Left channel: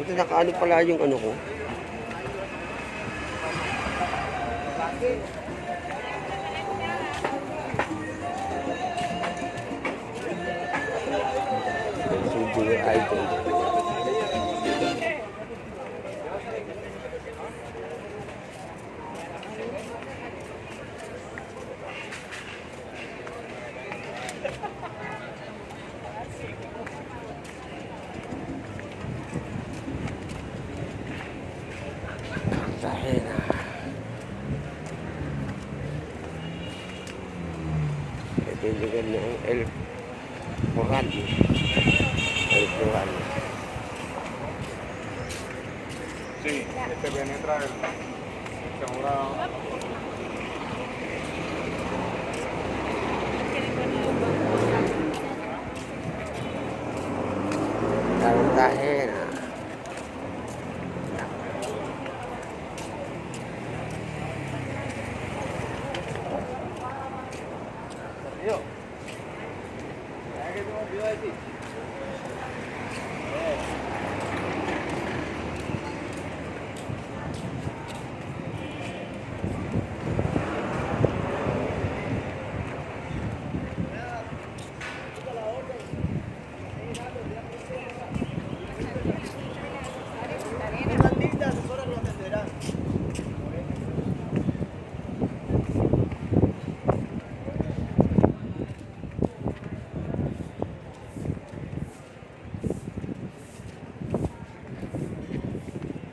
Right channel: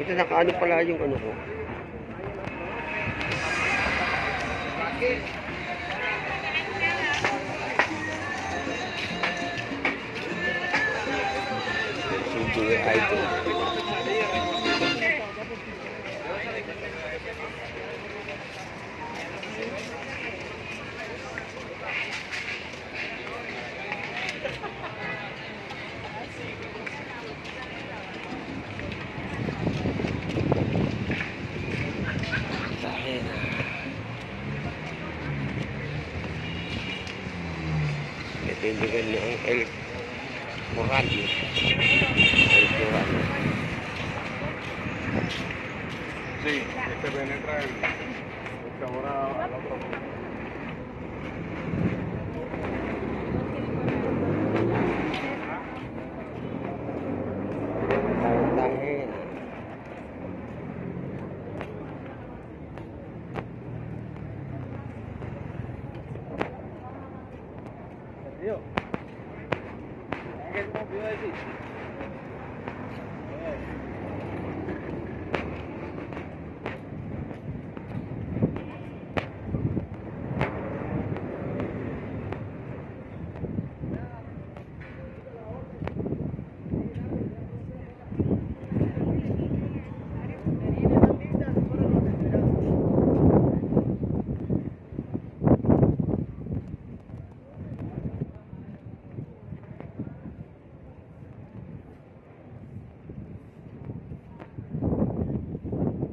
Buti nakaano pala yung ano ko. Suji idol. Dahil itindigan na ang El Coral. El Coral. Sí, es que penetra el ahora a la otra. Dahil Tío, ¿qué te pido de ti?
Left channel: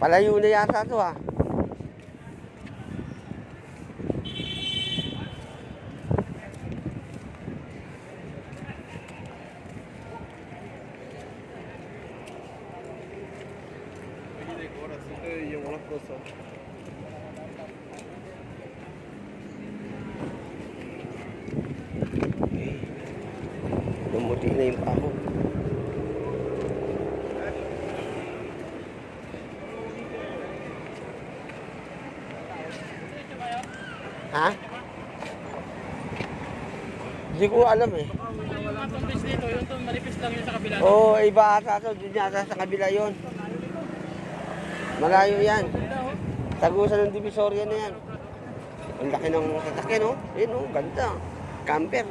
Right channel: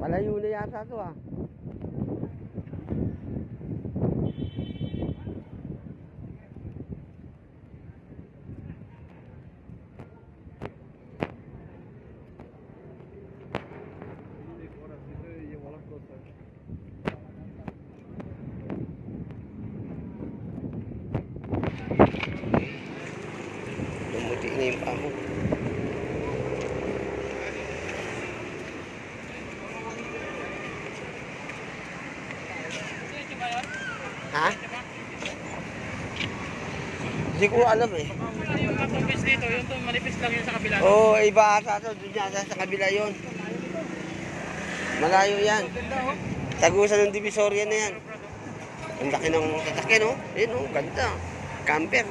palayo na yata ito ah. Lumuti na yung pako. Ha? Hindi ko alam eh. Dito, yung malipis lang yun sa kabila. Oo, iba ata ito. Doon yata sa kabila yun. Malayo yan. Tagusan ng Divisoria na yan. Ang laki ng sasakyan, no? Ayun, no? Ganda. Camper.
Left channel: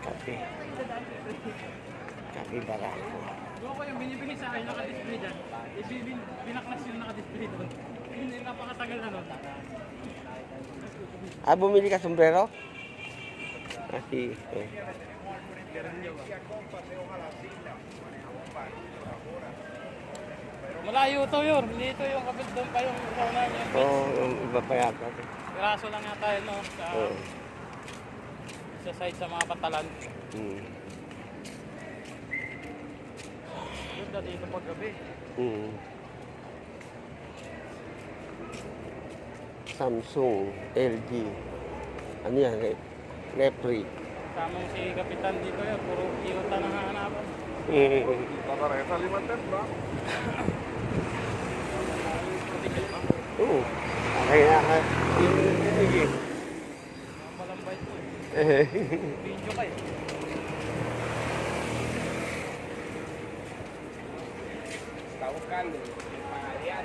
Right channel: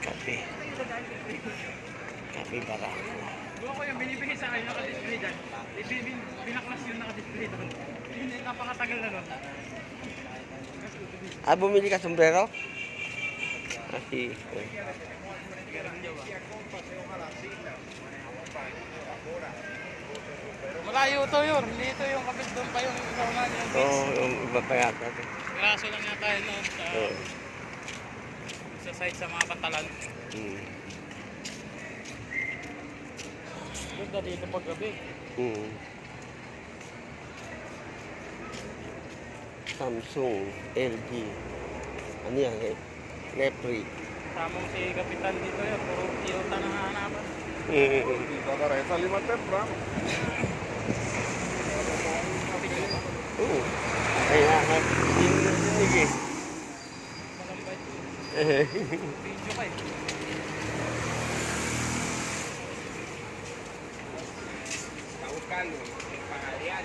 Kape. Kape barako. Yung ko yung binibigay sa akin, nakadisplay dyan. Binaklas yung nakadisplay doon. Hindi, napakatagal na nun. Ah, bumili ka sombrero? Ah, si... Oh. Malayo to yun. Hindi ito yung kapit doon pa yung zona. Oo, yung iba pa yata. Graso lang yata yun, no? Oo. Sa side sa mga pantalan. Doon na dito paggabi. Samsung, LG. Ano yan? Lepri. Tamang si Kapitan dito yun. Puro Toyota na hanapan. Para esa lima tempra. Oo. Kaya nga, sige. Malambay ito. Video kayo. Está buscando pagadial.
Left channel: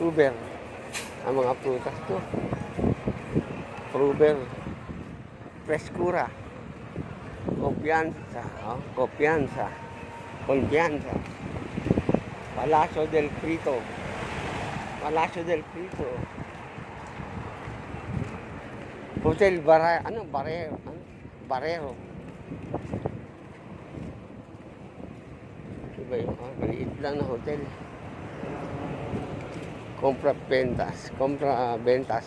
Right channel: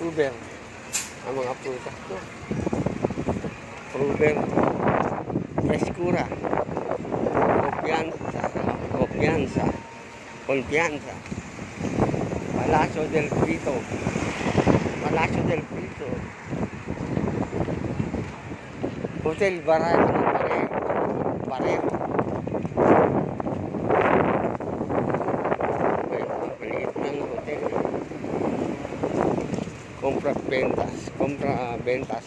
Uber. Ang mga prutas ko. Uber. Frescura. Confianza. Confianza. Confianza. Palacio del Frito. Palacio del Frito. Hotel Barrero. Maliit lang na hotel. Compra ventas.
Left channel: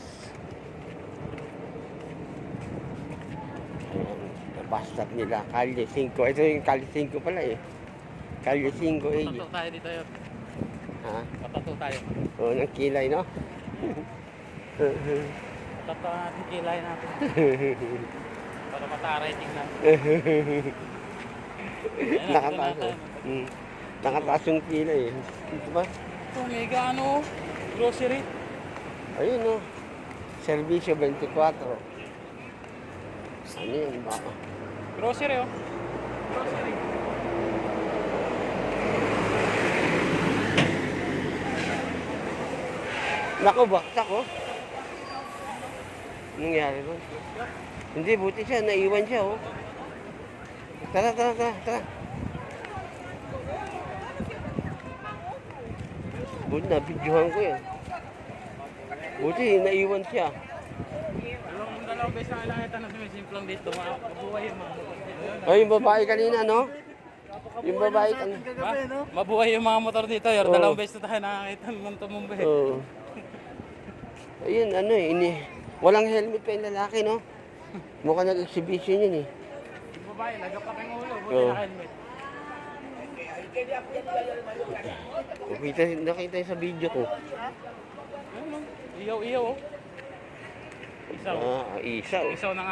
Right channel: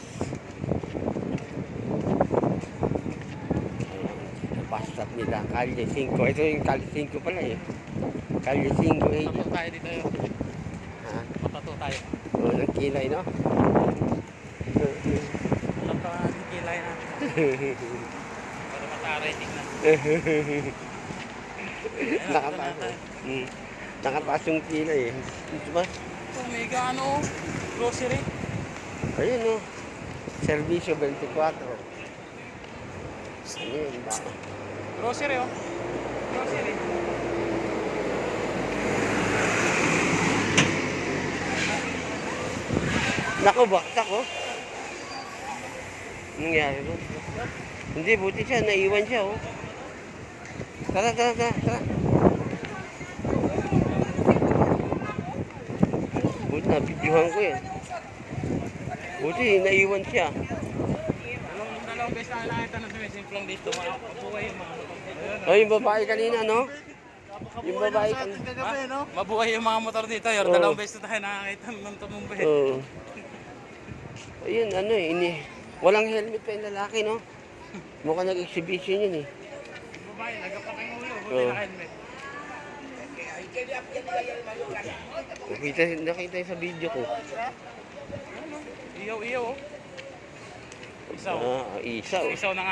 Basta nila. Calle 5. Ito yung Calle 5 pala eh. Calle 5 eh. Patato tayo dito yun. Ha? Patato tayo. O, yung kilay, no? Kilay natin. Pero mataray tignan. Nakataas. Nakataas yung kilay eh. Ito ba? Ito, mega ano, grocery. Ayun o. Servisyo 24. Ano yun ba? Grocery oh. Grocery. Nako, baksak oh. Anong nangyari doon? Hindi, buti siya. Naiwan siya oh. Tara. Buti na, videohan ko yan. Buti, naiwan siya. Yung dalawang beses na nakita na sumisimplong dito, mabuhay yung mga motor dito. Oh, yung babae kanina, no? Yung babae kanina. Mabuhay yung mga motor dito, yung Oo. dalawang beses na tayo nakakita ng tumumba. Oo. Ayun, ano eh, walang helmet pa yung lalaki, no? Mukhang nag-exhibition yun eh. Yung babae, nagapak yung ulo, buti Oo. naka-helmet. Nakita yun sa video ko. Iyaw, oh. Isaw. Isa oh. Isaw na nga.